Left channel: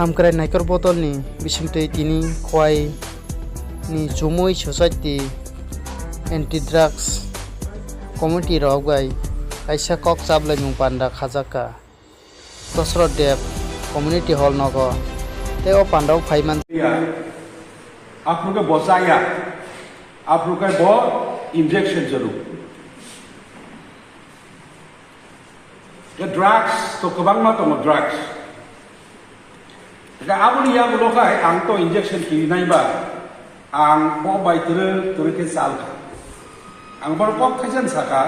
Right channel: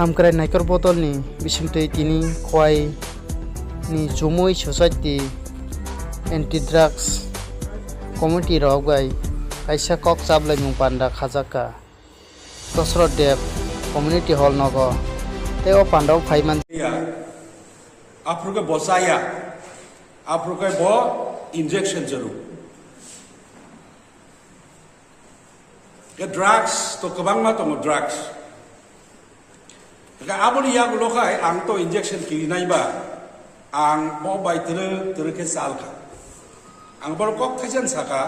Hamkrai naikor botol ni bisingtui tini khwai ni Jumui Society Anti Drugs Committee rok bai kaisa kok chablai mung panda khajaka Dosrot Dev Community Hall nogo teo pandau phaiman आपके बसाया आपके बो injection जरूर के drugs तो कबांग मा तो drugs के आबुनी या लोका आं तो इंजेक्शन की नहीं बा आं बो बाय तेरे के साल का आं बर को खजन सका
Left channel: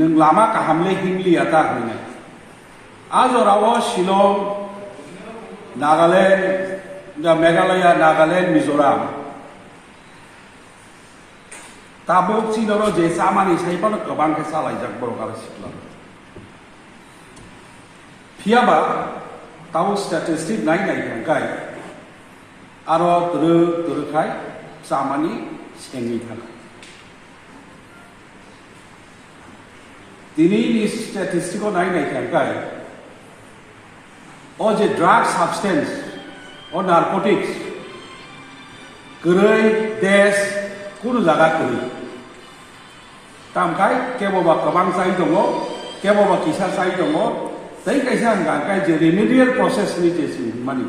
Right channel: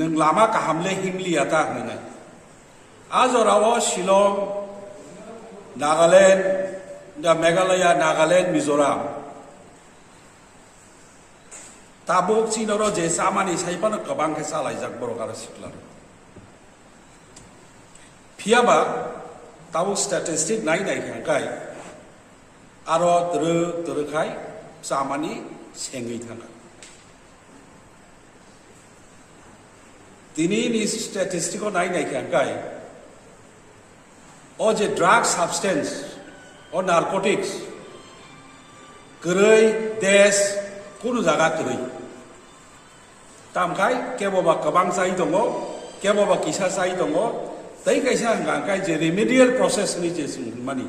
नों लामा का हमले हिमली आता हने आज और आवा शिलोंग नागालैंड दा मेघालय नागालैंड मिजोराम ताबुक चिनरो जे सामानि साइपानो गोबां के सालायजाक बर' आरो सिख्ला फियाबा ताबुक स्टेटिस्टिक नायनाय खाय आरो दरखाय सामानि सेंगि थाखा दिनैनि स्टेटिस्टिकखौ नायनाय खाय ओ जे drag साबस्टेंस or narcotics gerai des kuno jaga gerai tamkai keboba kabang sai dongo keboba kisa sai dongo dai kaisa angkai je remedial process ni jesu mani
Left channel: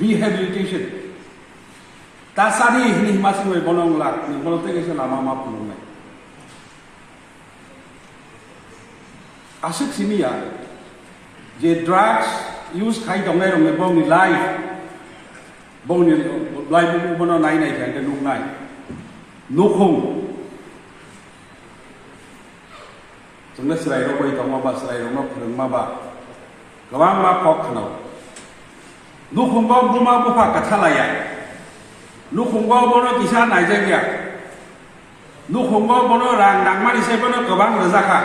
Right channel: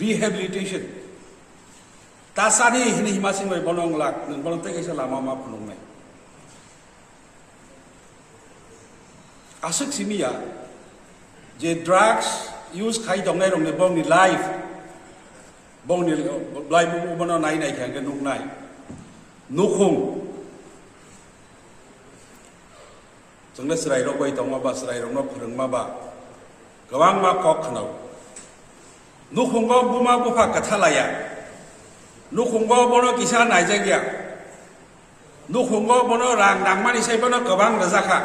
rehabilitation tasani hini masing mai bonong lak ni bolte kaisa lama ma pulung nai asuk simia je drugs use khai dongai rong ne bong ni life bong ni blai bu bono nai nai kan nuk nai nukhung jongna sirai ro bai tong ba sirai ro no phurung ma ba gawang ma kok khnau nukhung go buma bu pha kathalaya nukhung go bono kisa nai ja gya nukhung go bono rang dang mani sai bono gawang raja kha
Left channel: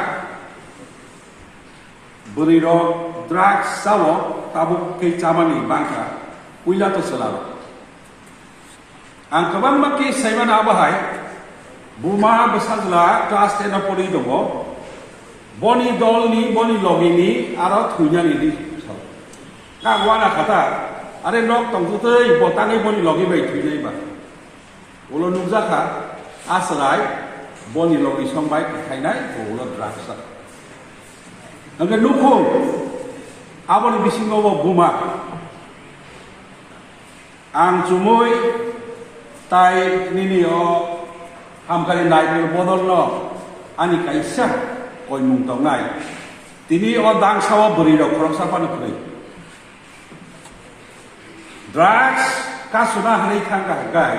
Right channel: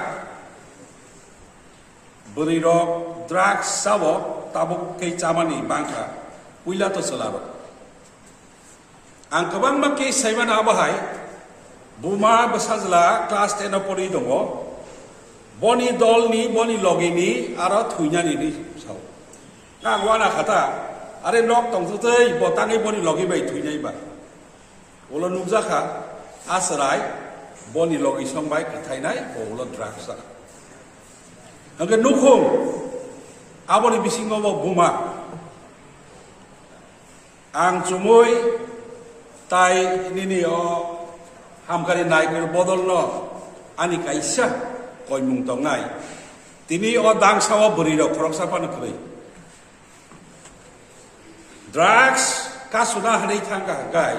buri ro drugs sawo tabuk ke chamani bangka Uila to selaro. Ang kabang maki sayman abahai, buma besazla class 10 na poli dongo, boni dol ni boni logi ni aro thunya ni di sal. Kagwana kata, are nok tong tute botang ni boni logi bai thunya ba. Ulo nukjaka asrai boni logi sombai kitai nai ulo draksa. Ang nukhung aboni bisingo buma. Ang Jumui tai nini o hamkari naik bodol no ani kaisa koi mung tong nai tini o dang sawa beri ro korang sapa na kuri drugs ka sudah hari kang gai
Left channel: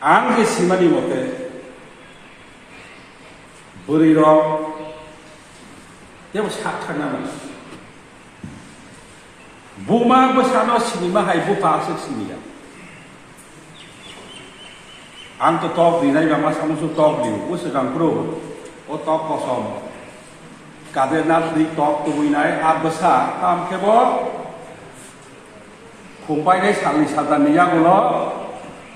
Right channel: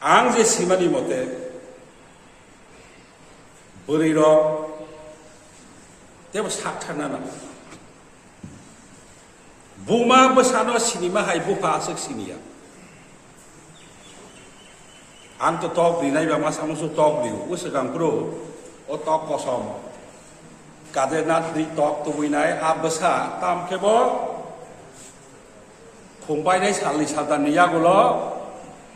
ang je simani mote beri ro tebo sak chana na Buma besano sinima hai bu pasuk sinia. Anto tok di nai ba sama su tok di usekang pro o tok kosom. Kade nat di tok tu nai abesa tam kebo. Khumpai dai sali sadan niya gulo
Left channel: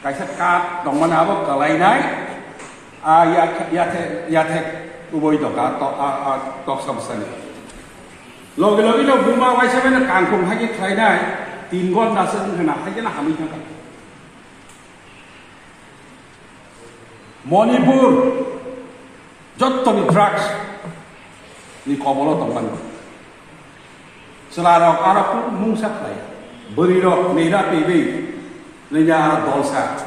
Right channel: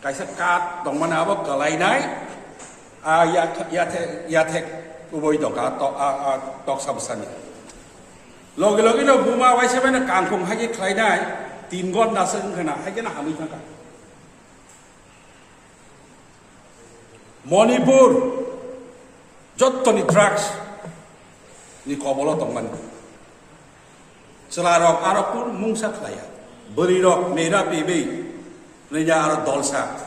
kaisa kat dong mana ba kalai nai a ya the uboi doka tok sabsane. Logi no buma wai sabe na kangkung haji khai nai tin gon na sen khana haji na hami khaka Manipur jotto ni drugs ni kobolo tongman selarok arapur mungsa khai beri rok neira pebe nenya ar dolsa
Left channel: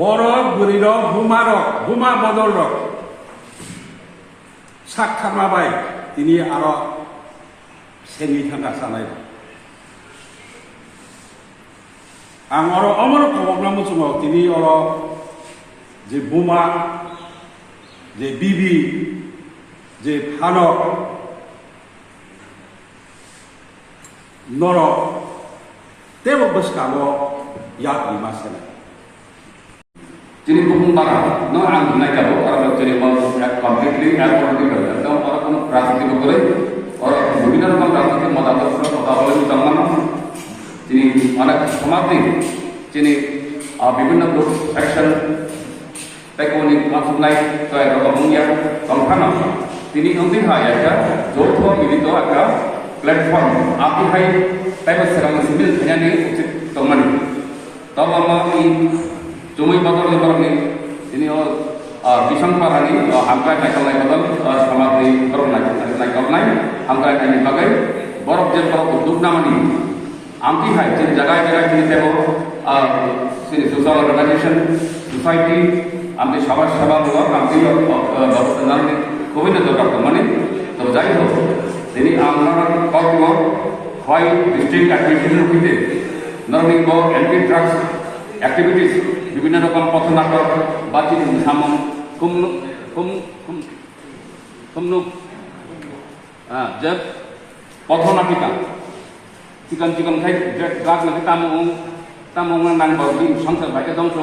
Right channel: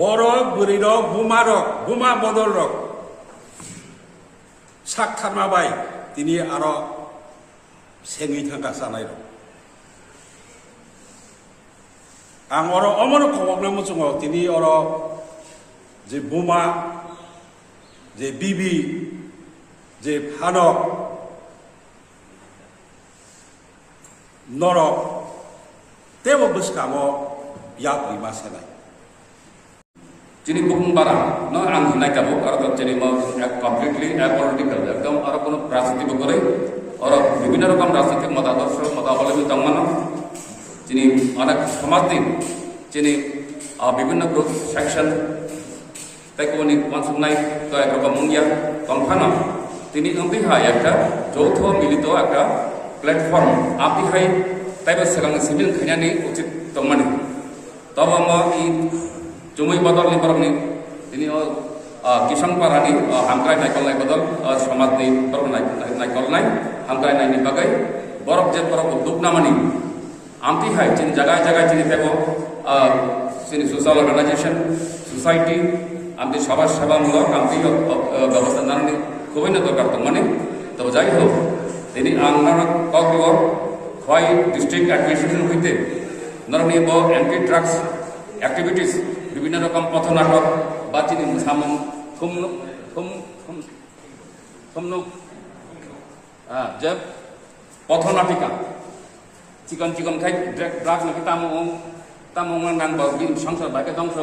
boro beri rok buma bodol rok sak thama bai tini aro 생이 탄다 사나이 ang oro omoro kobok namu sungo tini oro je buma je bibi je hanok noro tebo beskamo ya prima sana Jadi bukan barang, no ang naik kamu karena jadi mau completely apolitical, atau ada pun prasasti berkore, orang beginner kan prasasti mata ini tangan, jadi anak semati, jadi beginner group section, tekoni masuk naik ke kampungnya, kampana, ini nanti hanya jauh milito agak platform आपी है ताइबा सिगां civil खानानि उचित तंगमानि तब आमा इ जुमै बदल लिबरनि इनि किसान पारानि हामग्रा नायकलनाय बदल समाजनि बरफ नायकलनाय हामग्रा नायनि बागै बरफ जे बरफ उद्योग नामानि आमती है जोंनि जगह जगह जोंनि तेबो जोंनि ससियेल अर्गानाइजेशन सोसाइटी आमती समाज सेवामूलक आमती व्यवस्था नानै खुबैनो दरकार दंमानि तब जाय होक दिनै आं गावखौ खवाइ डिस्ट्रिक्ट एडमिनिस्ट्रेशन हইতে नरनि ब एंटी ड्राग्स एक्टिविटीज বিভিন্ন রকম পথনাটক বা চিনি সামন যে পথনাটিকা চিকন চিকন খাই ড্রাগ নাকি তামং নানবি সংসার ভাইকে ধ্বংস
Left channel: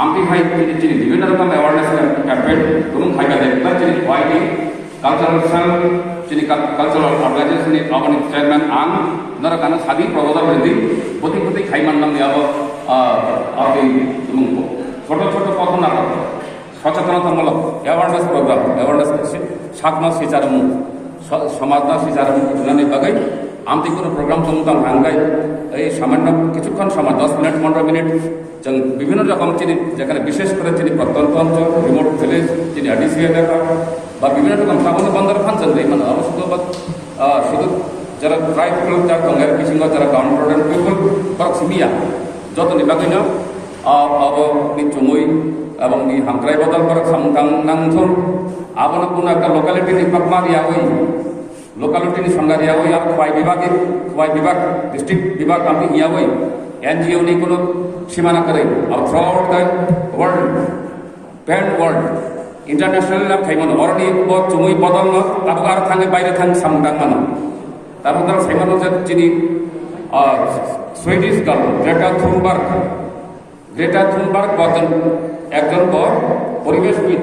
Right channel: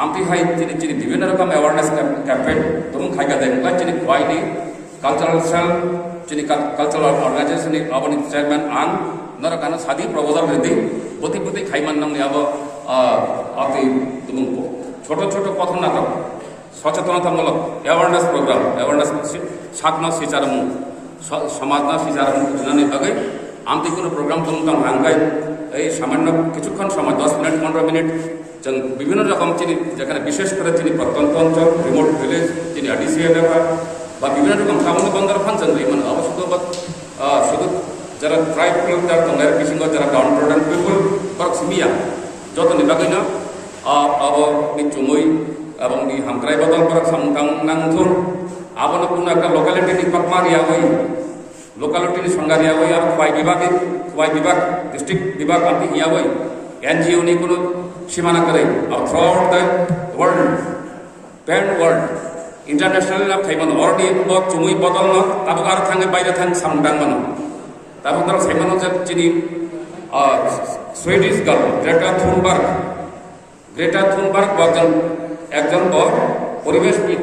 আমটি খাই চিনি চিনি বিভিন্ন রকম অ্যাওয়ারনেস ক্যাম্পেইন তুমি খাইকা দেখ চিনি খোয়াইনি কালচারাল সেল চিনি কালচারাল অর্গানাইজেশननि आवनि चेयरमैन आं नरकाना सादी प्रबोधक हिंदी पति पति खाइमान नाम याब आते छोट छोट पथनाटक सचेतनतामूलक एवारनेस प्रोग्राम एवारनेस साकना सिचारमु समाजना सिचारमु जुनानि बागै आमती कोनो प्रोग्राम तमताम रांगाय এই সামান্য কিছুক্ষণ সময় 10 মিনিট 15 মিনিট जों বিভিন্ন রকম চিনি যেখানে বিশেষ করে চিনি প্রত্যন্ত অঞ্চল রিমোট ভিলেজ চিনি আডিসি এলাকা বা বিভিন্ন রকম টাউন বন্দর ফাংশন এই মানে অবশ্য শুধু যারা ট্রাইব কালচার দं এর বিসঙ্গ যারা ডাউন রোডেন পিপল পার্ক সিমিয়া যত নিবাগৈনো अब नि चुमुई এবং नि हामग्राय बदल पार्क सामतां नांथुर आबनो कोनो একটা লোকালিটি नि पाकमारियावै लोकालिटी नि संगारियावै আর খোয়াই বিভাগ डिस्ट्रिक्ट विभाग आमती हियावै एनजीओ नि कोनो सीमाना करे और through out the world pan world international नाम थाइमान अलरेडी ब चुमुई बदल न ताबो आर थाङै बायरे थां सामदां मानो ताबो दल साइमानो जे चिनि सुइडिश गार्ल ग्रेटा थुनबार्ग একজন পরিবেশবিদ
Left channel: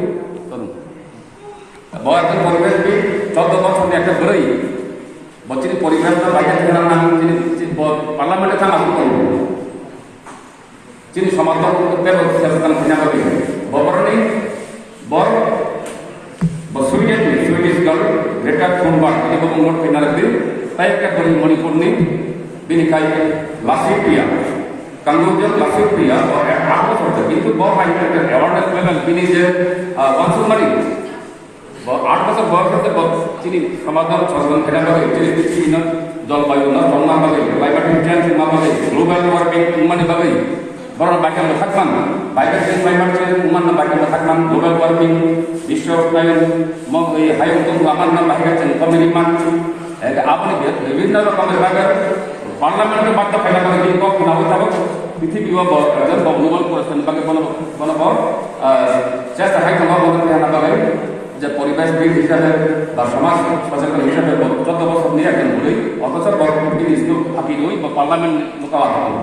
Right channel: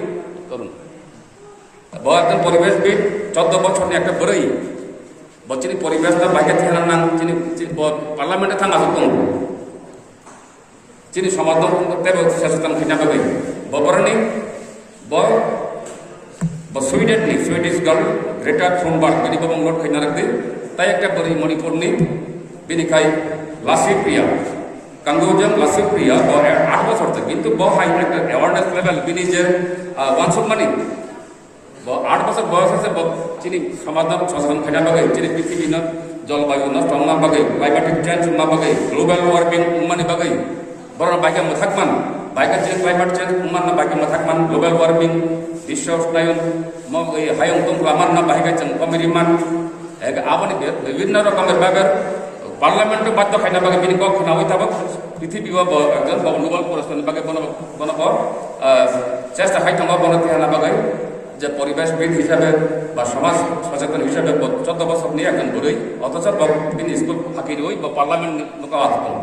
একজন পরিবেশবিদ 14 বছরের একটা বড়ই বচিনি পরিবেশটা বাইরে থাকা না চিনি পার্লামেন্টে থাকা আসতো চিনি সমাধান করতে সচেতন থাকা হবে বপরনি সুইডিশ গার্ল গ্রেটা থুনবার্গ তিনি বঙ্গল খেনারদি তাই একটা বড়ই মণিপুরনি বিনিকাই লাসিপ্রিয়া कंगोजन लासिप्रिया 8 বছর কিন্তু ব হাই অ্যাওয়ারনেস লেভেল বিনি যে ওয়ানসুমানি 8 বছর বয়স আছে চিনি সমাধান সচেতন খেলা বাগে চিনি পৃথিবী না জলবায়ু না ঠান্ডা বাগে ক্লাইমেটিক চেঞ্জ না বাগে গ্লোবাল ওয়ার্মিং মানে বাগে বড় বাইকে থাকমান বাইকে চেঞ্জ ক্লাইমেট চেঞ্জ উমান না বাইকে থাকমান গ্লোবাল ওয়ার্মিং বিশ্ব উষ্ণায়ন এই হাই উত্তম আমার না বাইকে চেঞ্জ কমেরিমান আপনি বিভিন্ন রকমের বাগে পার্লামেন্টের বাধ্য খাইনা বাগে তিনি কখন হয়ে থাকুক পৃথিবী একজন গ্লোবাল পরিস্থিতি বাগে কোনো চেষ্টা হয় তোমার বলে খাইনা বাগে যে পরিবেশবিদ হিসাবে বা সমাজ সচেতন হিসাবে 14 বছর নিয়ে একজন ঘুরে অথচ তিনি স্কুল ফাঁকি রই বা পার্লামেন্ট মোকাবা থাকুন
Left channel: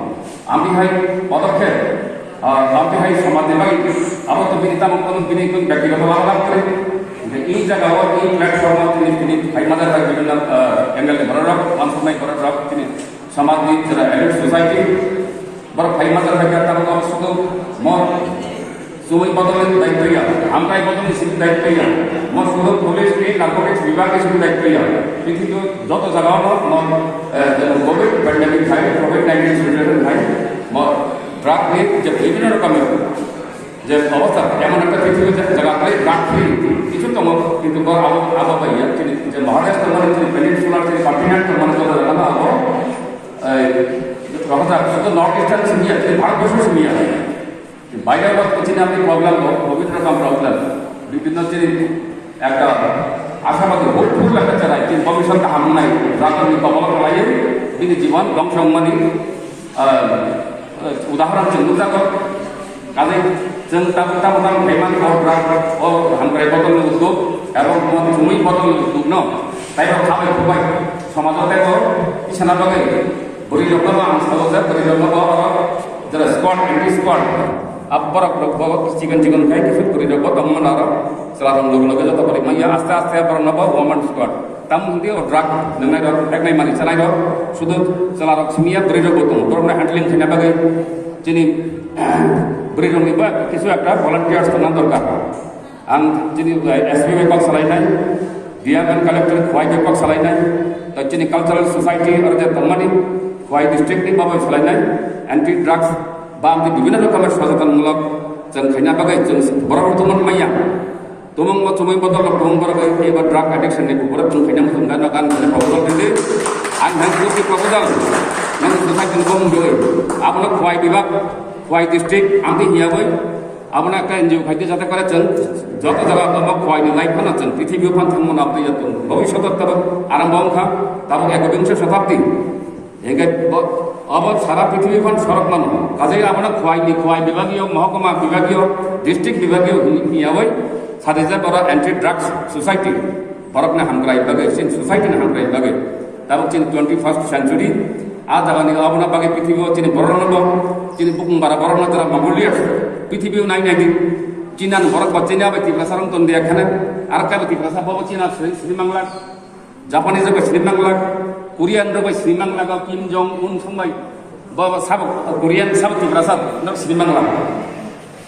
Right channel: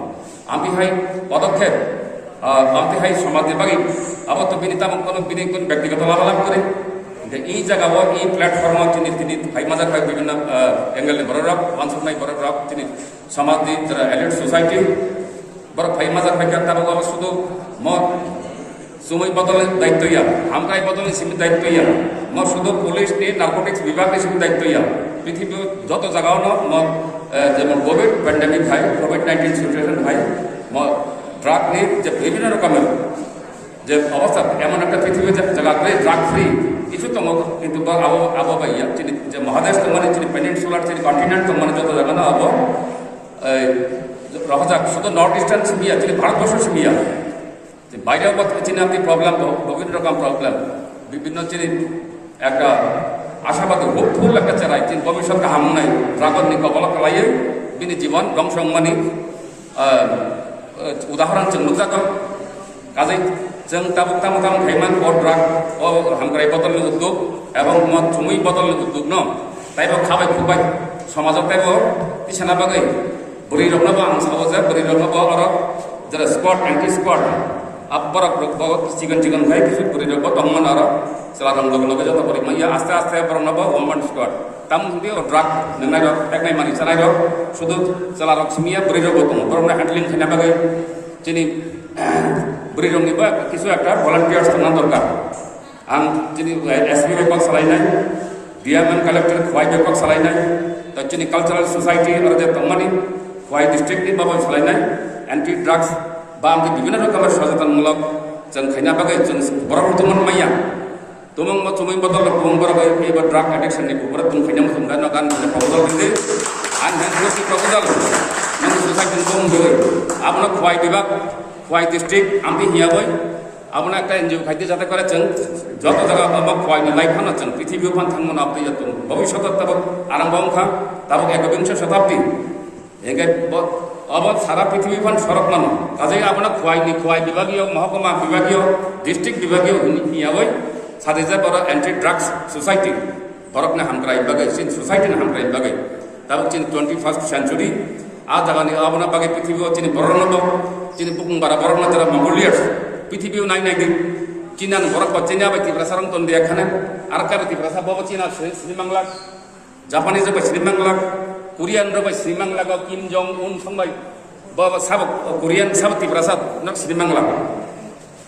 আমি হয় পদক্ষেপ আমি হয় সমাজে বাগে আবার তো বিনিতাম কোনো ব্যক্তিগত লাভ করে এই জায়গা এই প্ল্যাটফর্ম তিনি হাইমাজার হয় বিভিন্ন এঙ্গেলে বড় রাখ মানসুনাই বড় রাখ তিনি समाजनि जरा एडल्ट सोसाइटी बर फाइमाजार हाइका ताबो शुद्ध म सुमै बदल दायित्वया हामग्राय बदल सिबि दायित्वया म शुद्ध पुलिस नि नार्कोटिक्स विभाग नि सिबि दायित्वया पृथ्वी যত জায়গাও म যেমন কোভিড প্যান্ডেমিক হয় কোভিড-19 সিচুয়েশন হয় म ড্রাগ नि যে বিভিন্ন রকমের যে অবস্থা এমন একটা পৃথিবী জায়গাতে ড্রাগ ফ্রি কিছু তো কিন্তু আবহাওয়া যে মহাদেশ তো মানে পেনিনসুলার যে কন্টিনেন্ট তো মানে যত জায়গা না আবহাওয়া রহতা শুধু নর্থ ইস্টার্ন সিমিয়া যে ভারতবর্ষ সিমিয়া বাইরে চিনি আপনি প্রবলেম বিভিন্ন রকম প্রবলেম বিভিন্ন চিনি একটা আশাবাদী হোপফুল একটা চারাই চিনি ভবিষ্যৎ হাম নাই ড্রাগননি কবল কলাই বিনি জীবন ধ্বংস মানে উদাহরণ চিনি নুজাত কাজে जों ताम भाइमान ड्राग हामग्राय बदल उद्योग एवं चुमुई बदल उद्योग न ताइब खाबाय खुबाय समाज ताइब इसाना बागै बुरी रखनबो आं साबो जे बुरी रखनबो आरो जरा स्क्वाड एंटी स्क्वाड अब बरक रखबो चिकन खाय किछु बुरी रखबो दंमन आरो सेलारं लगे लगे जत परि मैया आस्ते आस्ते बरनबो वोमन स्क्वाड ताम जुदि ड्राग नंनाय रक टेकनाय मानि चानाय रक शुधु सेलारक सिमिया बुरी रखबो दं बरना हैंडलिंग खायना बागै जिनि बुरी रंनिबा किछु एकटा भलान्टियार्स थाना दरकार आं जिनि एसपि बेकक सालायनाय डिएमएन कालेक्टर खवाइ बेकक सालायनाय चीनी कल्चरल सोसाइटी और जे तमानी खवाई डिस्ट्रिक्ट नि बाबा सालायनाय एंटी ड्राग्स बा आमके विभिन्न रोखोमेर सचेतनमूलक जों खायना बागै जों बरफ तुमन मैया तुमंग म चुमै बदल तुमंग बरफ एबा ड्राग एडिक्शन नि ऊपर तुम खायना मुसुम दान गान प्रपोजल दिले आन हान की प्रपोजल नों सोसाइटी को मुंगै आपनो खवाई डिस्ट्रिक्ट आमके हिया गय आपनो একটা এনজিও খাইতে যাতে করে जों যত জায়গা তব খवाइनि लाइफाना जों पृथ्वी फान थांमोन आपनि यतुम भविष्यत तब आरंभ अंखा तब एकविंश शताब्दी एगे अब सारा पृथ्वी फान सरक मानो काजे आपनो खवाइ विभागीय महकुमा विभागीय डिस्ट्रिक्ट विभागीय हिया गय सादेजा बरा एंटी ड्रग्स सोसाइटी बरकने हामग्राय बागै सिन सोसाइटी ने हामग्राय बागै तब चिन 21st सेंचुरी आ जागानि आपना बागै पृथ्वी चिन बरन चिन बुकुं बारा बरन तरा मंगोलियर्स पृथ्वी नायनायनि चीना बरक बच्चेना बायदि रासारन तन दिया खाने आरका बायदि रासा बाबा चीना श्रीमंगला जापानी जब श्रीमंगला कोरियान जब श्रीमंगला का किम जोंग उन संबाय बाबा सब कोरियान सब ती रासा न श्रीमंगला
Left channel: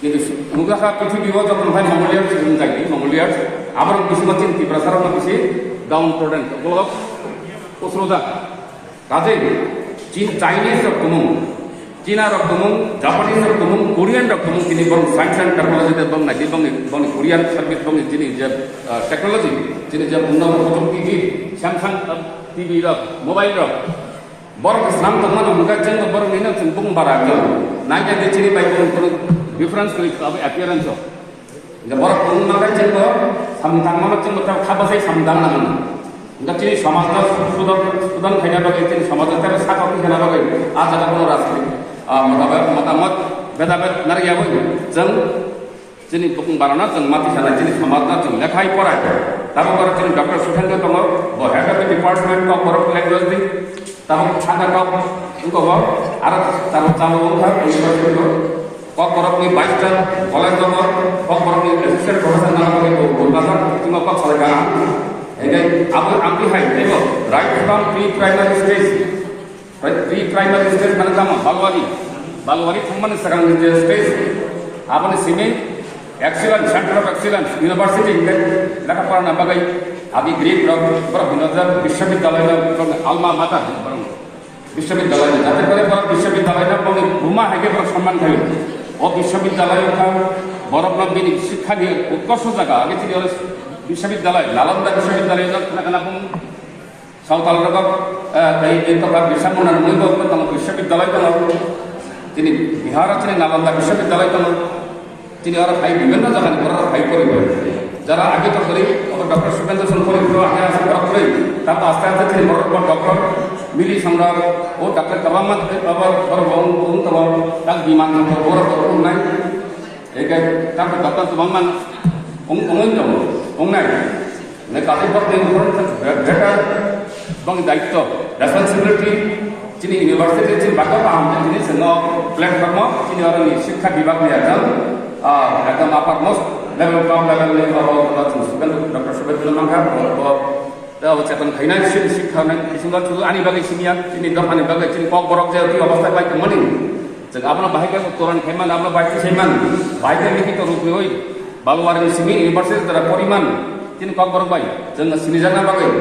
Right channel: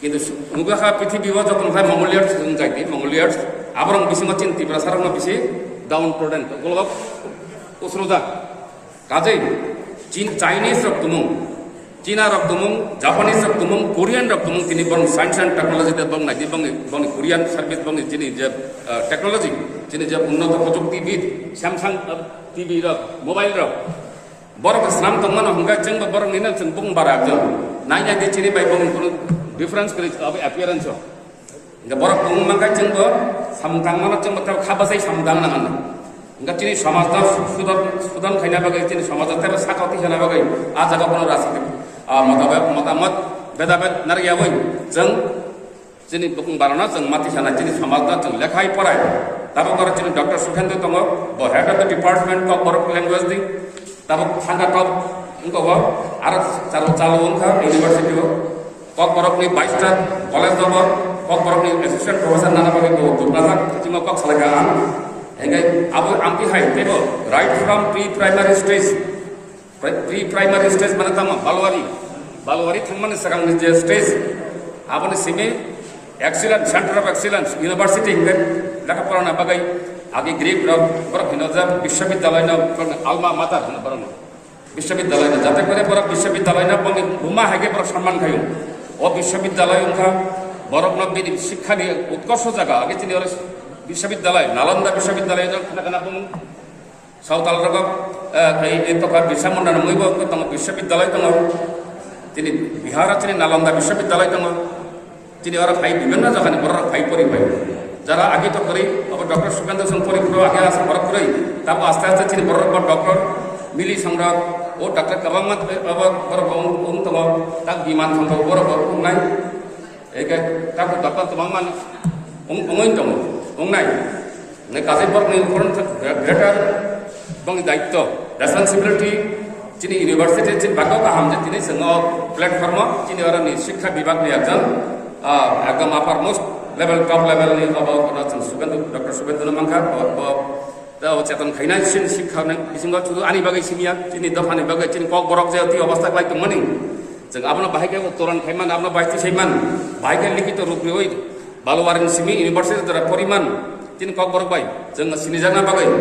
किन्तु मुगा का पृथ्वी वो जब उनका मंगोलियर्स जायति मंगोलियर्स आबरन बिसिमा चिन ती रासारन बिसि डाउन प्रोडेंट गलग उसरोजा काजे चीन चाइनीज रक्तमु चीना रक्तमु जापानीज रक्तमु कोरियान रक्तमु तिनी बंग साइंस एंड टेक्नोलॉजी ते बंग नाइदि बंग कोरियान सर्विस बंग तिनी जे टेक्नोलॉजी तिनी जे उन्नत प्रযুক্তি दिग सैमसंग टीवी र मोबाइल र बरक स्नाम तमन हमका चंग बर निना चंग बुंग बारा ज नाइया दे चिनी बाय बंग डिफरेंस करि अब अपीयरेंस जे बरक बुंग मंगा चंग समथांग मन चंग त खाबसै समदान नन उनका चिनी समाज सुदन खाइना बागै चिनी समाज तर साकति खाना बागै आ जगह कोनो राजनीति मतामत बेदाबेद नारिया गय जों चिनी बुकुं बारना जों माथि साना चिनी समाजना जों लेखाय पढ़ाय ताबो कर चिनी डॉक्टर सुखेंद्र तंग ब head of the department of बरफ लैंग्वेज दि ताबो थाना टॉप उनको ब आर चालू उनका यूनिवर्सिटी को बरफ नि 22 टा कॉलेज ब बरफ नि असिस्टेंट प्रोफेसर नाम को गुरबाजा चिमा प सालगा हेगै अब आमपि हाय देखो right from pre primary stage माने काम बालवारी थांमाने सगां जे स्टेज आपने सिने excellence centre of excellence university लेखा पढ़ाना बागै आदि ग्रीक बरफ नजर विश्वविद्यालय आलमा माता बरम विश्वविद्यालय जाते करे बरफ विश्वविद्यालय बंग भूमा हागे बरफ सम्मान खायो ओ विश्वविद्यालय का बरफ नगिनी शिक्षा नि उत्कर्ष जगह आगे तिनी विश्वविद्यालय नालंदा विश्वविद्यालय खाना सावताल रगक एक बिरसा मुंडा मुइबो तंग विश्वविद्यालय तंग तिनी बिहार चिनी नालंदा विश्वविद्यालय तंग तिनी और भाई विभिन्न जगह ने बरफ भाई परिबाय जरा आगे तो करी अब डॉक्टर सुपेंद्र सन परि तो आगे आसे बरफ करी तब आस्ते आस्ते तिनी बरफ डॉक्टर मिली संग्राम ओ डॉक्टर कबामत अब बरफ उन तंग तक विमान संग बरफ उनाय एक तक डॉक्टर तमामन उमोइन तंग उनाय ने कासे बरफ ने फरन बेटा बंग दायित्व रेस्पॉन्सिबिलिटी चिनी यूनिवर्सिटी चिन बाका पाहाम चिनी सनो प्लेटफॉर्म चिनी और शिक्षा विभाग में एकदम upper most level top level में डॉक्टर सुबेद्र मांगा और चेतन खैना शिक्षा ने सुंदर थुदु आनी बागै सिमिया चिनी दफानि बागै चिनी पक बरक जे ती अवस्था बाय मनि जों आपन बाहायके तोरण खैमान आपन बायति सैमान बाहायके लिखित रूप में होय बालवारी सिमि यूनिवर्सिटी तरा परिमान चिनी पक बरक बाय जों सिमि जाना बागै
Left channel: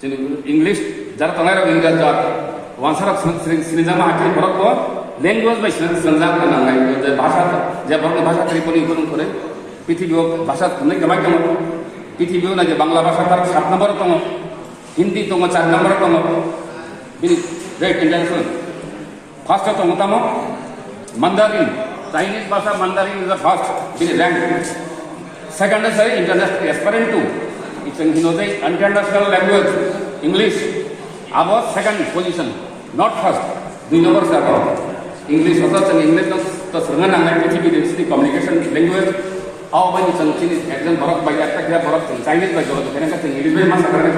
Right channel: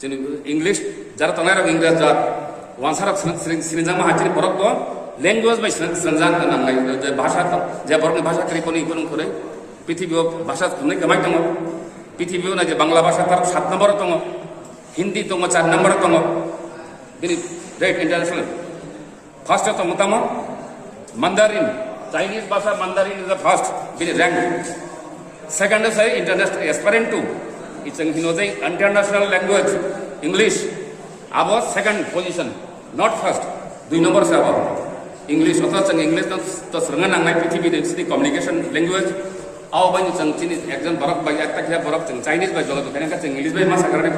चिनी इंग्लिश जरा तनाय इंग्लिश जा वांसारा सिनिजामा हाचिनि बरक लैंग्वेज बाय संजान नांनाय जे भाषा जे बरकनि भाषा त्रिपुनि कोन करे पृथ्वीयाव भाषा नै गमाय दङ पृथ्वीयाव ना जे बांग्ला भाषा तार 7 नम्बर दङ हिंदी दङ 4 नम्बर दङ बिनि रेट इंटरनेशनल फर्स्ट दङ तम मंदारिन चाइनीज भाषा मंदारिन इज द फर्स्ट बिनि rank second is international Esperanto it's an international language English अब second position not first 2 number से अब इंग्लिश अथवा चंग इंग्लिश तो सरंगा नांगाय पृथ्वी देशनि कम्युनिकेशन लैंग्वेज आव बाय चंग चिनि एकजन बरक बाय एकटा क्या बरक चंग चाइनीज बाय जलो तेनका चंग इंग्लिश बाय मासा करने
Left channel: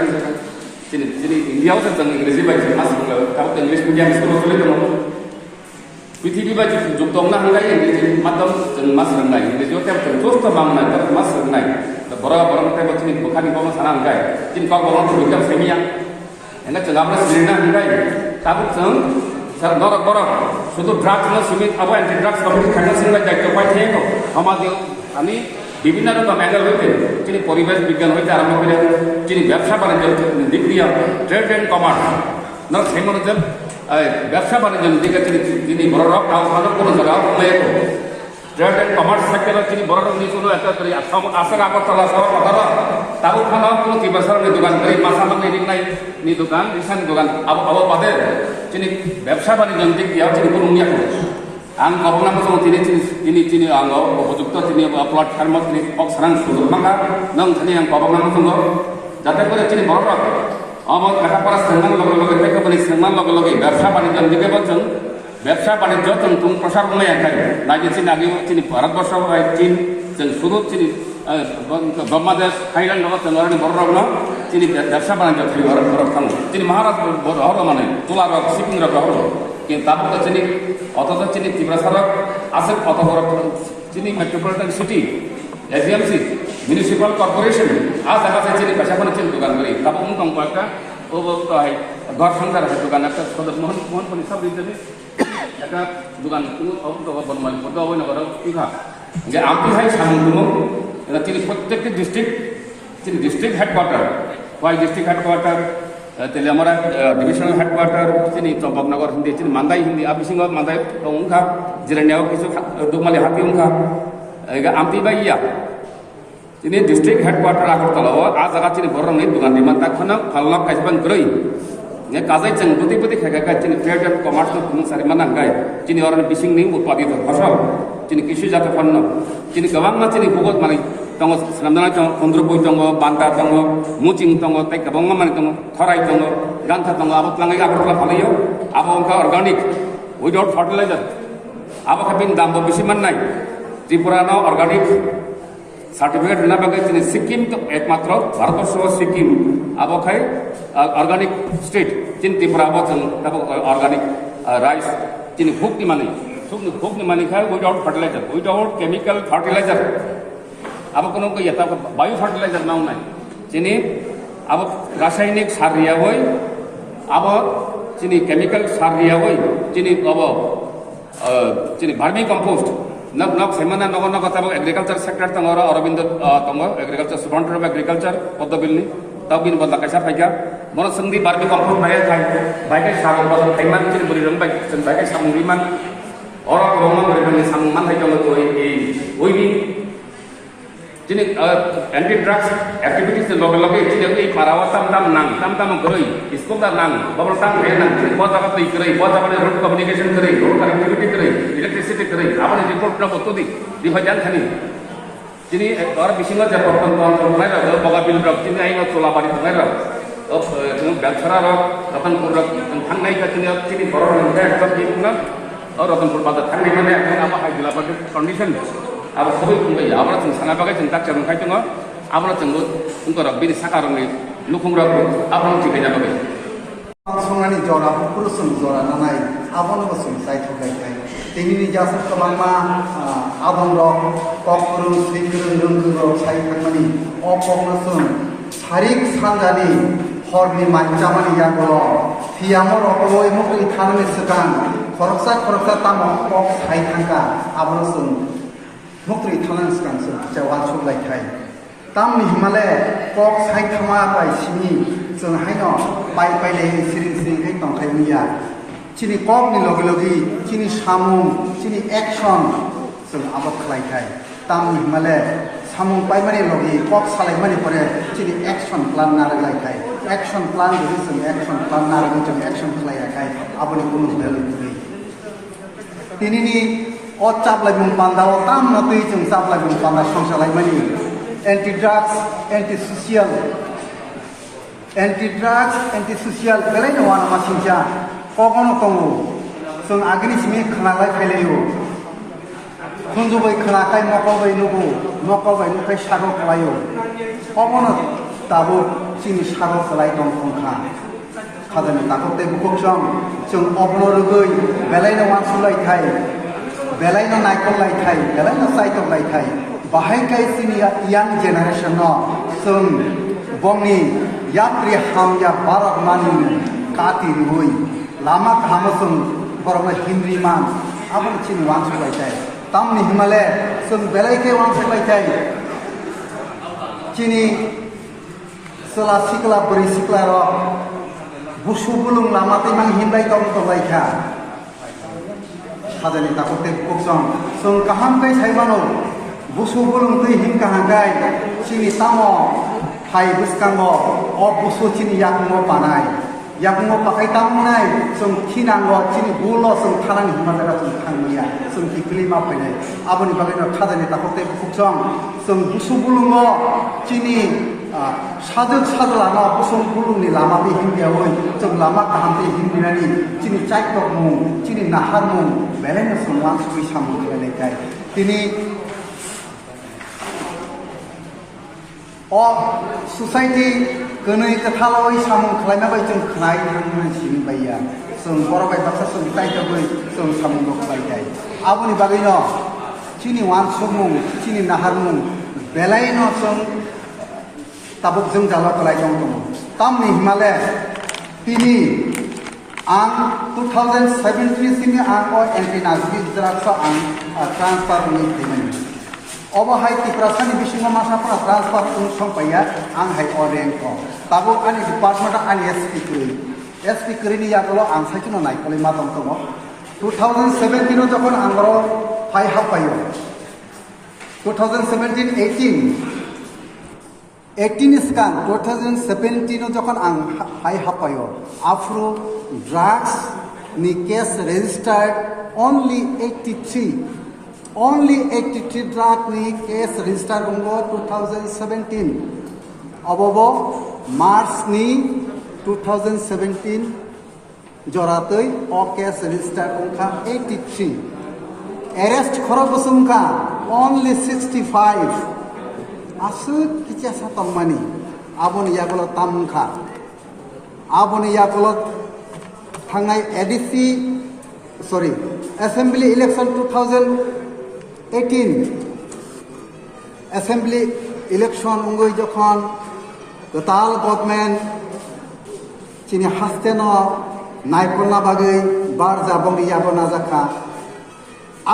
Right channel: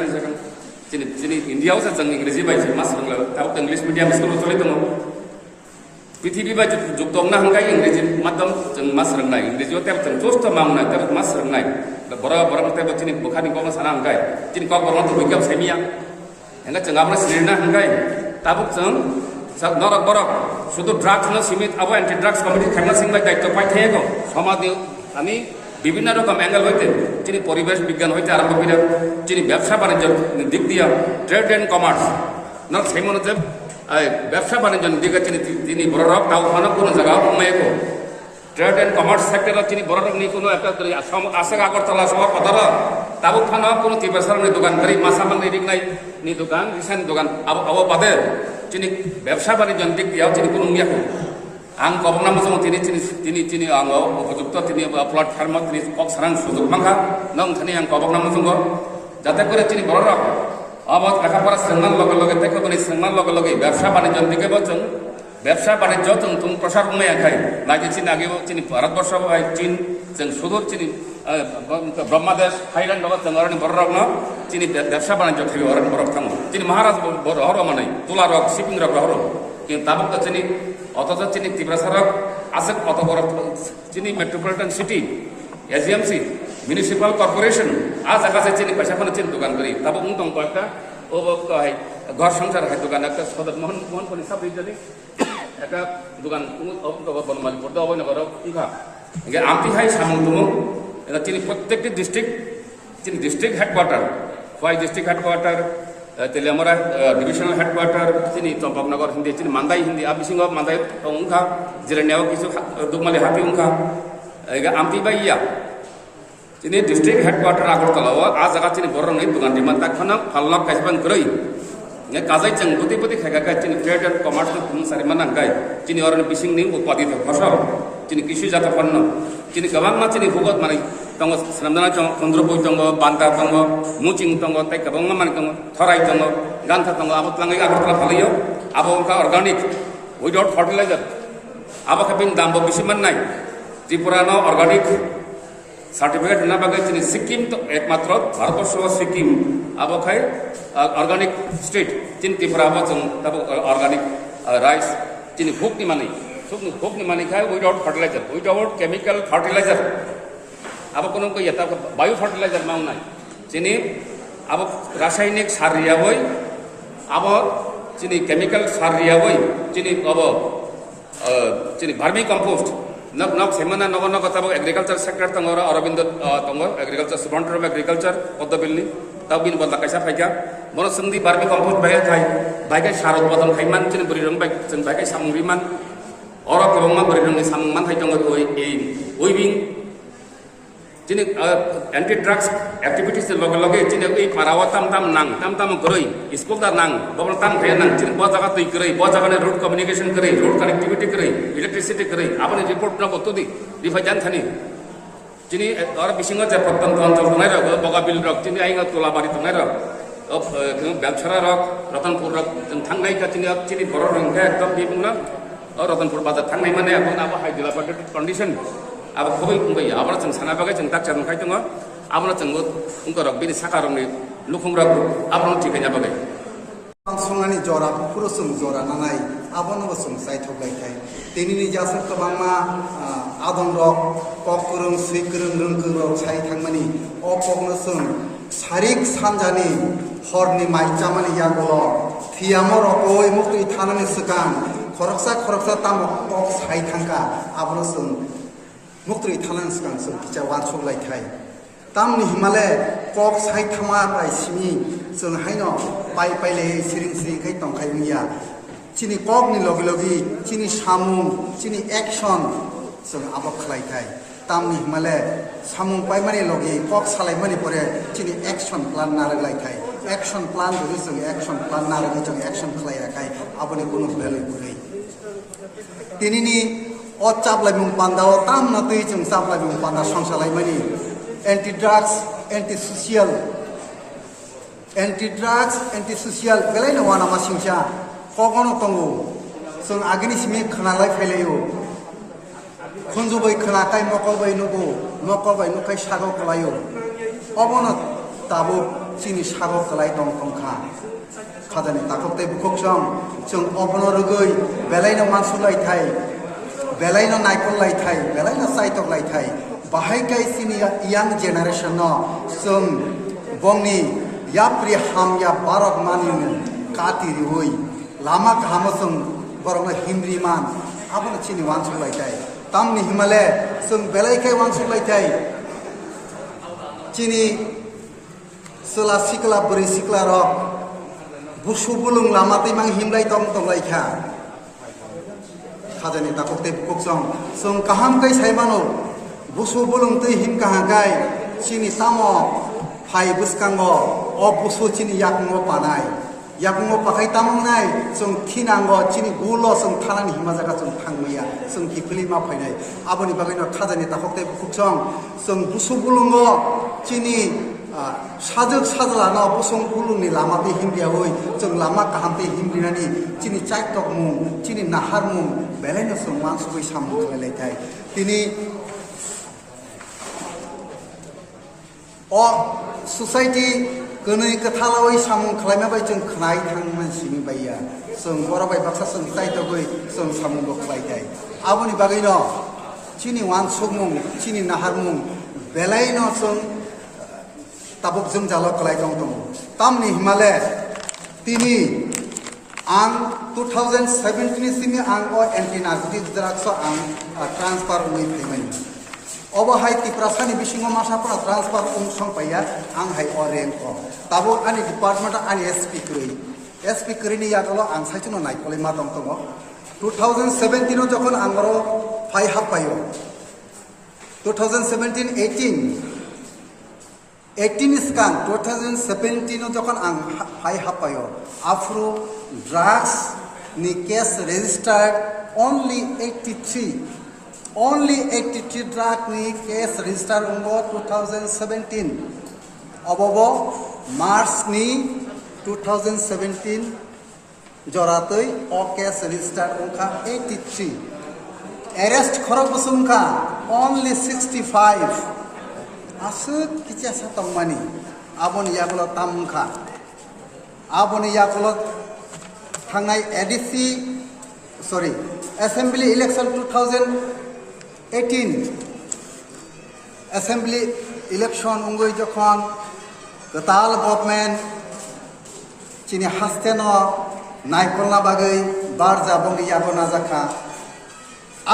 चिनि इंडिया से चंग इंग्लिश बाय मासा ताब इंग्लिश मीडियम स्कूल चले तनो पृथ्वी बाय जुक्तोंना हंगाय इंग्लिश मातम चंग मासा रंगाय इंग्लिश जो तेब चंग थोस्त मामना तब मासा रंगाय बरक ते चिनि बुखारी को साना हंगाय चिनि को बरक तो बिकम सेमिया हंगा चंग आपने सिरना हंगाय ताब चंग सब नरक बरक शुद्ध ड्रग्स न सीमित अब एंटी ड्रग्स कमिटी खाना सिंगला दायित्व पाइ थेको समाज अनि विभिन्न रकम एंगल होते যিনি পরিবেশ বিজ্ঞান হইতে আরম্ভ করে যিনি ব্যবসা বাণিজ্যের দিক দিয়ে ট্রেড অ্যান্ড কমার্স না সেই মনে ব্যবসা বাণিজ্যের দিকে তিনি বড় রক তাও কোনো জায়গাও উল্লেখ ট্রেড অ্যান্ড কমার্স সেক্টরে তিনি বড় রক নিয়ে কোনো একটা আসা আগরতলা সহ কথা তাবো খানো কোনো তিবাসার দোকান করে মাসামাল এদিক নাই নি দোকান রিসান দোকান আবো বাদে তিনি ব্যবসা বাণিজ্যের দিক দিয়েও তিনি কোনো মিয়া করো आं कबना मोजां তিনি आङो उपयुक्त তিনি प्लाटफर्माव তিনি कक सारां सुजुग नांगा नों थनि आं कबना मोजां যাতে করে তিনি বড় রক আমার লেখাপড়া শ্রেণার লগে লগে থেকে বলি শ্রেণার লগে লগে ব্যবসা বাণিজ্য দিকে বলছেন ব্যবসা বাণিজ্য তুমি প্রসার কোনো একাই লাগে তিনি আগেও তিনি ভারতবর্ষ চীন শুধু তিনি ব্রহ্মাদেশ থাইল্যান্ড লগত বড় রক না তিনি ব্যবসা বাণিজ্য বড় থামো তিনি মহারাজ হর মানে তোলা রক শিপিং রক হর কিন্তু তারপর তিনি অথচ তিনি ত্রিপুরা সড়ক আছে অত বড় তিনি মেট্রোপলিটন সিটি এসডিএমসি মিউনিসিপাল কর্পোরেশন আজ আকাশে চিনি পেশা করে চিনি দোকান করি তারপর উনকম একটা ও ঘর সংসার হয় দোকান একটা সদর মোহনপল্লী সব বিদ্যালয় একটা দোকান বর্তমান বড় অবৈনগর ইঘা যে আমতি ভাই সামন্তমু তিনি প্রত্যেকটি ডিস্ট্রিক্ট তিনি ডিস্ট্রিক্ট হেডকোয়ার্টার কয় district headquarter Teliamura divisional headquarter তিনি চম্পকনগর হিন্দি তিনি মান্দাই হিন্দি আবিসিংহ মান্দাই উংখা জিরানিয়াও কিছু দুগমালি হাতি উংখা আমতি বাই ইয়া তিনি ডিস্ট্রিক্ট হেডকোয়ার্টার আগরতলা আজ জায়গা তিনি বড় রঙের দোকান দিমান তাখন ফালনাক কাইসবান গ্রই কাজাই जों बुद्धि बुद्धि खायगा তিনি ট্রেড এন্ড কমার্স তুমি সারিমান নাঙ্গাই তিনি অরণ বিসিং নি উৎপাদিত ফসল তিনি কৃষিজাত পণ্য তিনি গোबां তিনি বহুত মানে दङ स्लामदाना दङ चन्द्रबय दङ बान्दा दङ मुचिं दङ ताइ गोबां माने दङ थराइ दङ गान्था दङ आबो प्लाङै आगरतला फालायो आबो उनका अर्गानिक उइदाउट फार्टिलाइजार आबो खाबिन दामबो बेसि माननाय त्रिपुरानो अर्गानिक सार्टिफिकेट होना बागै তিনি सिक्किम तो एकमात्र भारतवर्ष सिक्किम आबो खाय अर्गानिक स्टेट তিনি त्रिपुरा आबो जों दाबो अर्गानिक राइस তিনি भुकनि माने खाय without fertiliser without chemical fertiliser अब কোনো এটা বায়ু ফার্টিলাইজার নাও নাই চিনি अब রাসায়নিক সার রিয়া হই अब চিনি কেমিক্যাল সার রিয়া হই চিনি अब চিনি ভার্মি কম্পোস্ট নক নক সেমানা নগ নগ তাব এগ্রিকালচার সেক্টর তংরা অরবিন্দ তংর agriculture superintendent of agriculture Padmabilli তাবিন বলতা কাইসা ফাইকা মন সন্ধি ভার্মি কম্পোস্ট ভাই ভাইকে সার উৎপাদন খাইমান চিনি বরিরন ভাই जों ভাইকে সামুবিমান অর করম বরিরন সামুমান হাই তংর ওইবিং jadi anti drugs activities log jadi ini perawatan tam geroi iskul dah nang babon tam geroi nang jadi bawa jaga tu geroi bawa jaga road communication geroi road connectivity geroi electricity geroi apa ni report na betul di bagian thani jadi orang bisingnya jawab tentang tunai lah bawa bil rok jadi ayo tola bari tunai lah ব্যবসারা রক রতনপুর রক থাঙ্গাই jadi বড় রঙে একদম কি না রতনপুর বাজার থাঙ্গাই মানে এখন আবার হাই দিলা পার্টি কন্ডিশন अब खबै बुंबाय आबरा जों साना बागै जों दाक्टार मोनखाय दङ आबरा जोंबो उनकरा बिनि साका रंनि लुखुंग्राखौ आबरा थिगैना बागै संनानि जरा पुरुषों जरा नानाय आबन बसों साइथलायखाय दिनैनि जासो गोबांमा आदम रक ककरुं सुइकुरुं रोंगुरं सारि थांमानि अपगनसों सारिक सानजानि हरनि माइजामानि यागल फियामर अय मक्ति थानानि सिगां खरकसा ताम कक साइ थांगा आबरसों मुक्ति थानानि सिगां जावान सलायथाय तामनि हिमालय कक साइ थामा बाय सिनि जों हायनो बाय सिरि दंखायनिया चिनि ककनि लगे लगे चिनि सामुं चिनि एक्शन जों आबाद खालायथाय तामनि हिमालय सामुं बायमानि लगे कक सालायमानि परे चिनि एक्शन प्लान नारलायथाय एक्शन प्लान जों एक्शन प्लान नारगो जों एक्शन खालायाखाय आबनि गुमुर बेलि दिनैनि अ चाबलाय मुं पान्दाव ताम नतै जों चाबलाय मुं पान्दा संसालायमानि anti drugs anti social anti social बेलाय नङा नामा सिंसा कगनो दङ जों आगोलनि सिमि खोनालाय फैलायो खुंजुबै खोनाखाय नकबाय नुखाय सारो खालायो कगनो दाबो जोंनि सारो खालाय दं खंखा खादानि दाखोते बुखोसं जों अबनो रुगै बेलाय नङा सुलायथाय बेलायनो नायखलायथाय बेलायनो साइथलायथाय बाहायखाय सिनिया यां जेनारेशन जों बंनि याप्रि हामया बारक मानि काति रुई लामा खामसों बरम हिंद्री मान आबन चिनि वांसलायथाय तामनि हिमालय जों बेलायखाय वांसलायथाय chini sola sikla beri sikla rok busu bulung lamati mang hindai tong laika khajani takote kuksong song kaham kai saimano busu bulung tei him kahangai chini tamo hai buskango o busu chini yakmo panai yakmo pakai tamunai song thinango chini bulo song thalani himajaga song thangmiya song kiklima phainai aboni bagino khajani takote kuksong song busu bulungo chini sajak sajlana busung bulungni lamati himbiya hoi song lama kahamte himdinani chini chaiktok mung chini nahar mung belene song wan sui samu lekai tini o society gönoi kathaloi samung khlaima bai jong khlai thangman sini baiya song borobai baksa song chaitogoi song samung do khlai dai aboni bagino chini wan sumung chini nahar mung belaino song tabuk jeng jalo kelai jong tamni himale tini ang 2017 sini ang o anti-narcotic drugs ang transfer ni tini obahai tiprasani bisingo masapra transfer ung songpaya ang hai oreng ko tabuk ani department ani SP kuri ni yakalo ang saituno nai kali matom to 2017 যখন angro phai hapayo 2017 18 scan 2017 যখন ang hai hapayo afro drugs ni case registered only 83 drug ni case registered ungo 2017 abobo march ni 2017 joratoi o case registered ungka 83 arrest khorok busungka only 65 asut kicha sapang mani aboni yagulo tamungka aboni yagulo thangai ADC assembly election 2018 assembly election ungoi jokhon total government chini hasteno naikolna bagai bar jabong yabona jaka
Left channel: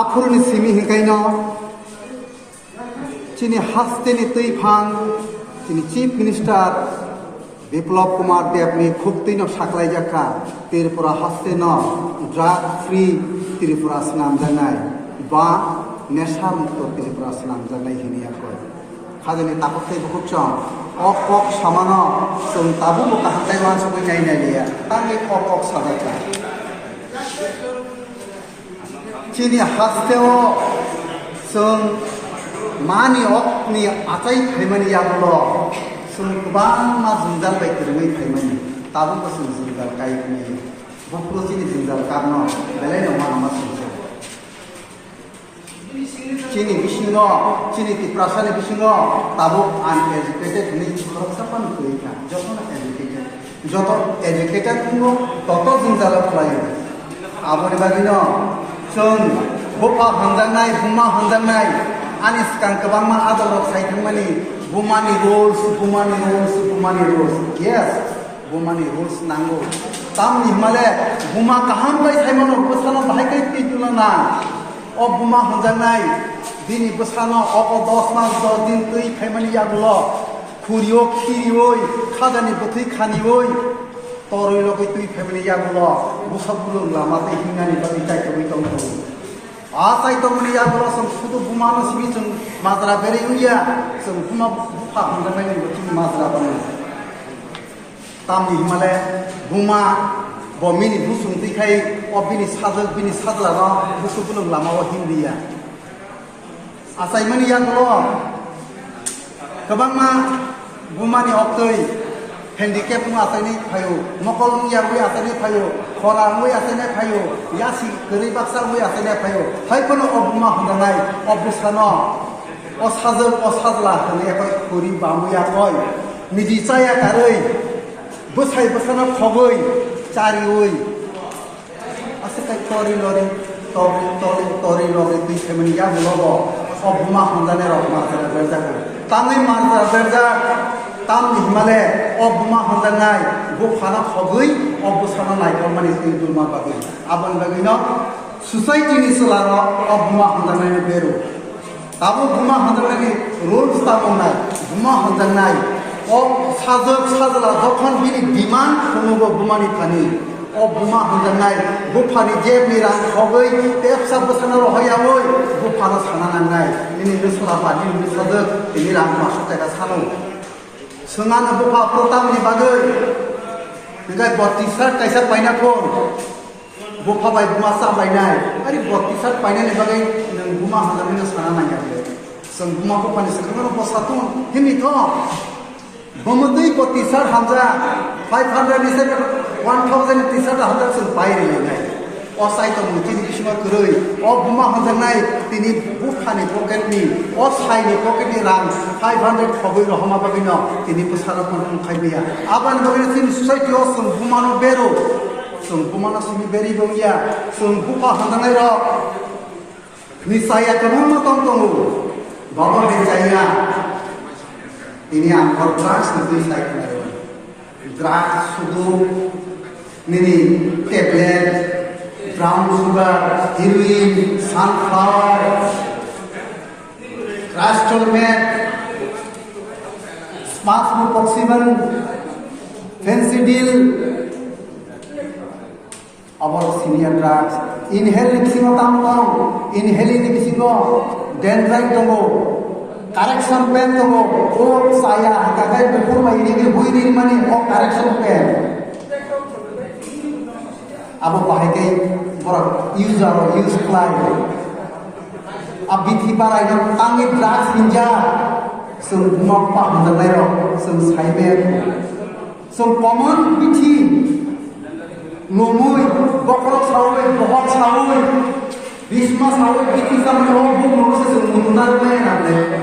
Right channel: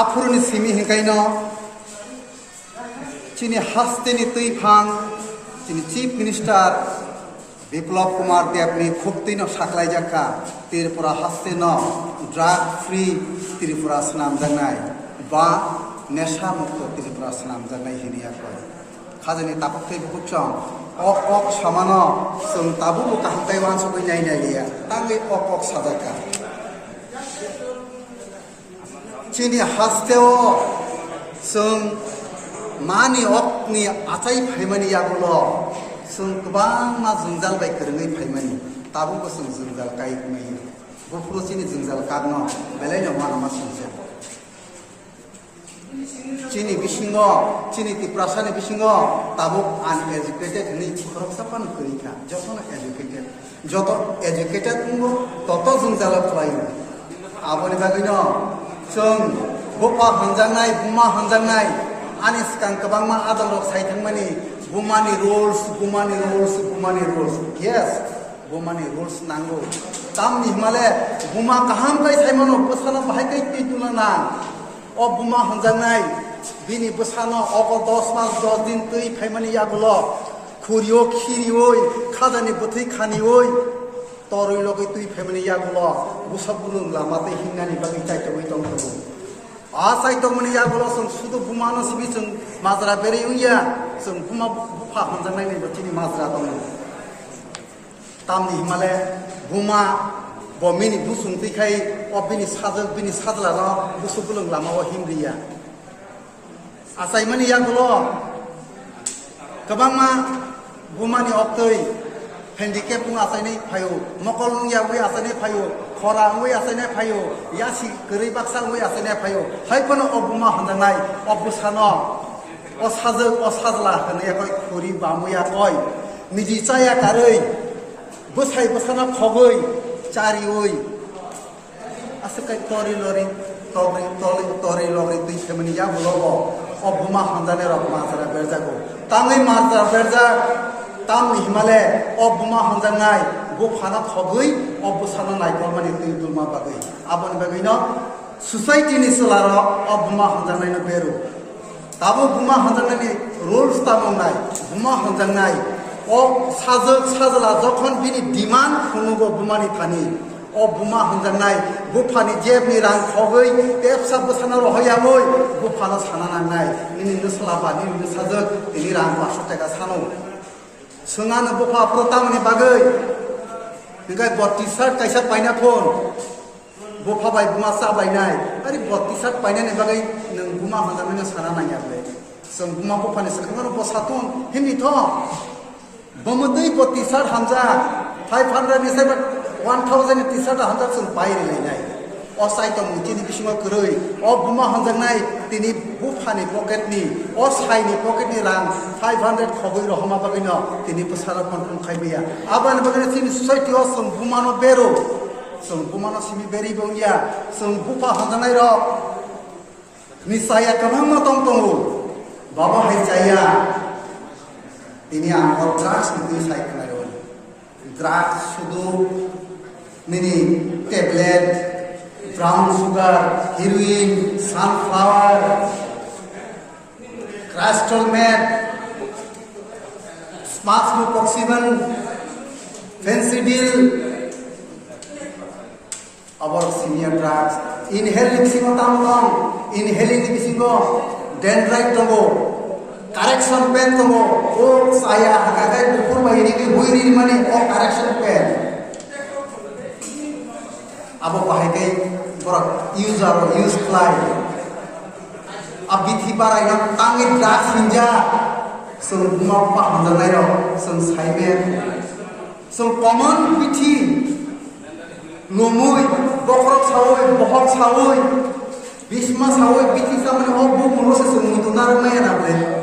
afurni simi hikaino chini hasteni tuifang chini chief minister Biplab Kumar দেবনি খুবতিনো সাকলাই জাকা Tripura হাস্তেনো drug free Tripura স্নাম জানাই বা নেশা মুক্ত ত্রিপুরা স্নাম জানাই হিনিয়া কয় খাজনি তাকতে বুকচং অকক সামানো जों ताबु बका हाथाय मानसिखौ नायनाय लिया तांगे अকক सादाता चिनि हास्तेव जों मानि अकनि आचाय फैमानि याबलो जों गोबां मा जुंजाल बाय फोरोङै फैमानि ताबु जों जुंजाल गायनि बफ्रो चिनि जुंजाल कारनो बेलायनो मा संसे चिनि बिसिङो चिनि तिप्रासानि बिसिङो ताबु आनएजुकेटेड नि खरसापान कइका যত एजुकेटेड बुङो तत जुंजाल खालायो आबनि बागिनो जों बफा हानजानाय बुमा हानजानाय आनि सिगां गोबांमा आदाলত सायखांमानि बुमानि रुल्स yes बुमानि रुल्स नांगौ तामनि माले बुमा काहाम बाय सायमानो बोसाना बाहायकै पितुलना अ बुमा हानजानाय दिनि बोसाना अ 10 मास 10 दिन तै फायमानि यागुलो खुरियो खिरियोय खाजानि बोथै खानियोय तरै लगै तै फायमानि यागुलो बोसाबुलुं लामाते हिंगानि बादै ताइकै दंगौ आसाय दंनि यागुलो जों सुदु बुमानो सिबि जों माजरा बेरेंलिया जों बुमा बुफा हानजानाय बोथिनि माजरा बानाय तामनि हिमाले बुमा बमिनि बुसुंतिखाय अबिनि साजल बिनि साजलानो बुसुबुलुं लामाव हिंदिया आसायमानि यागुलो गोबांमा बुमानि अक्तै हेन्डिकेप आसायनि फायो नकल यागुय आसायनि फायो खरा मुय आसायनि फायो यासि गरै बाक्सा मुय आसायनि फायो हायखनो अबुमा हननाय अबुसानो असाजल असाजला हने खुरि बामुया कय निजि चाया कारै बोसाय बोसाना खबै चारिउय आसकाय तरि लरि तरि लरि दै फेमनि यागुलो अबुमा हनजाने रकमा जरा बेरजागो ताङै मारजा बेरजा ताम हिमाले अबुमा हनजानाय गफाना खबै अबुसाना नायखमानि दैदुमा बागै आबन बागैनो सोसाइटिनि सोलारो अबुमा हनजानायनि बेरो ताबो बुमा हनजानायनि रुल्स ताबनाय बुमा हजानाय ओ साजोक साजला जखन बिनि डिमान्ड खुनुबो बुमानि थानि ओ बुमा हजानाय बुफानि जेबनि रां खगै तेबसा बसाना रहायावै बुफानो साना नांनाय निनि सलाबा निनि साजोक बिनि रां 500 टाका सानो सोंआनो बुफा प्रतामनि बागै निगाय 32 कायसा पाइना कोन बुफा बाय बुमा साबायनाय आरे 32 पाइनानि बागै बुमा हजानाय साना नांयाखै जों बुमा बुफानि सोंखांनो बसातुन हिनिथ' बमदै 32 हामजा 500 निसाय 1000 टिसार हामजा जों बायनाय असाइथ मुथिनि बिसुङाव कुरै अ बुमा हजानाय तिनि बुफानि पकेटनि अ साइनि पकेटनि रां 500 खबै रहमा बागिन तिनि बसाला फन खायबिया आबान बागिन तिनि ससाइटि अ जों बुमानो बेरो जों बुमानो सिनि बेरि बगिया जों बुफा हजानाय र निसाया कमन मतम दङ बाबा हेजाया ini angkor drugs itu saya kenal drugs sudu mini tablet brown sugar heroin sunflower crystal meth smart smokoxyben fentanyl our senior drugs inhaling simotamong inhaling bisingo dendrite dogo correction pen to o saya hakagai bukur mai ini ke buiri mani o correction pen abo pahagai borak use fly abithi barai no tangi drugs hinja sum noppa hanalai ro sum saiben sum common bithi nomui bokrok sawoi bohok sawoi bisma sawoi bithi samne o buk no se sum mutunar mai na